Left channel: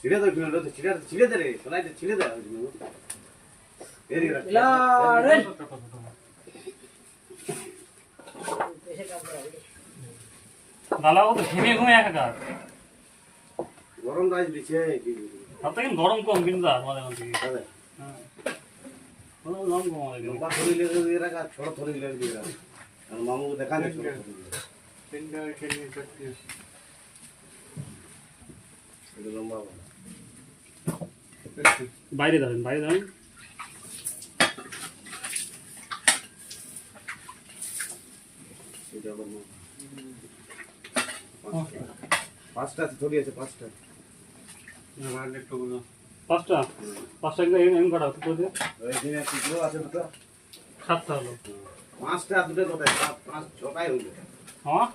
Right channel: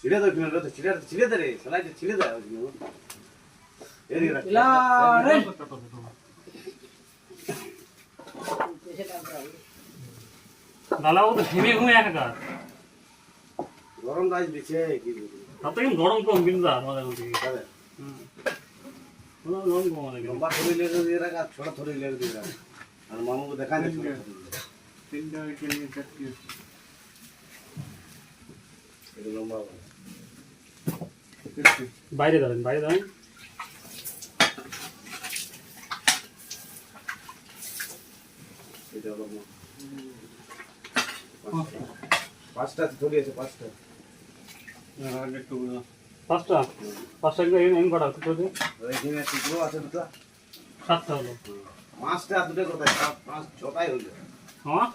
ছিড়ে দাও কিনা তো ছিড়ে দে রে সলাই ছিড়ে দাও এরি রাখ রে গালাও তো ঘুমিয়ে ঘুমিয়ে একাকার গরম রাজ দিছে কি তাতে কিন্তু গরম কম কিন্তু আমাদের মধ্যে হবে গরম কম আমাদের লম্বা থরি লেগে দিয়ে রাখ আর ছোট থরি লেগে দিয়ে রাখ আর মামুকে দেখা দে তিনটা উইকেট নিয়ে চারটি এটা লম্বা বাইরে দাঁড়ান এটা লম্বা পাঁচটা থরি আছে পাঁচটা পাঁচটা একটা এম করা হতো তো এইখানে টুকরো আছে দুটো সাতটা হলো পাঁচটা দুটো কোথায় পাঁচ ছটাই হইলো হ্যাঁ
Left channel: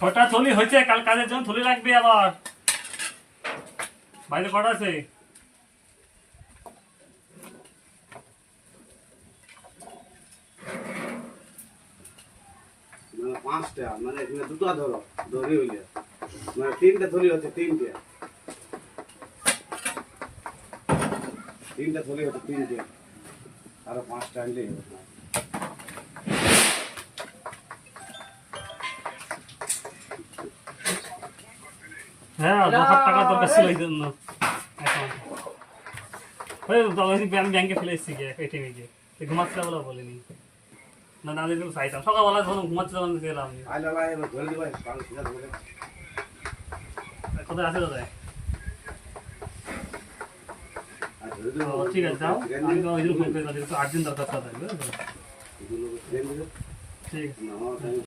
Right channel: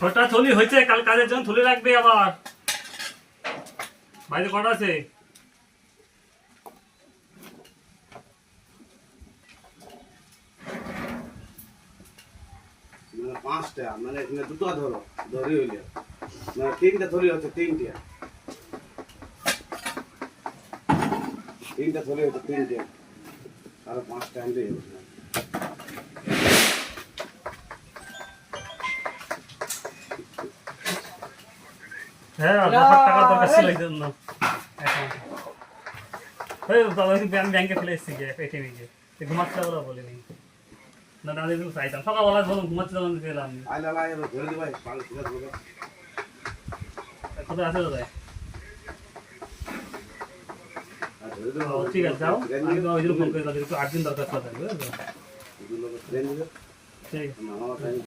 ছটা থলি হয়েছে কাল কাজের জন্য থলি লাগবে আবার বাইরে কটা আছে মানে পাঁচটা মানে এখানে দুটো ধরি হইলে মানে তিনটা থলি হচ্ছে তিনটা থলি হচ্ছে তিনটে আরো পাঁচটা আনলেই হবে হ্যাঁ 10,000 টাকা দরকার ছিল এই জন্য এখন আমি ব্যাংকে ফেলে এসেছি এটিএমে গিয়ে ঘুমাচ্ছে বলে বলিনি না দাদি তো চাইতাম সকালবেলা যখন ঘুমাচ্ছে তখন গেলাম আইলা ধরে দিবাই পাঁচ সিধা ধরে কোথায় আছে কোথায় আর ধরে দিবা ঠিক আছে যাও আমি তো ওই জন্য ফোন করে তাদের একটু আর্জেন্ট দরকার থাকবে বুঝলো এগুলো ট্রেন দিবে ঠিক না টাইম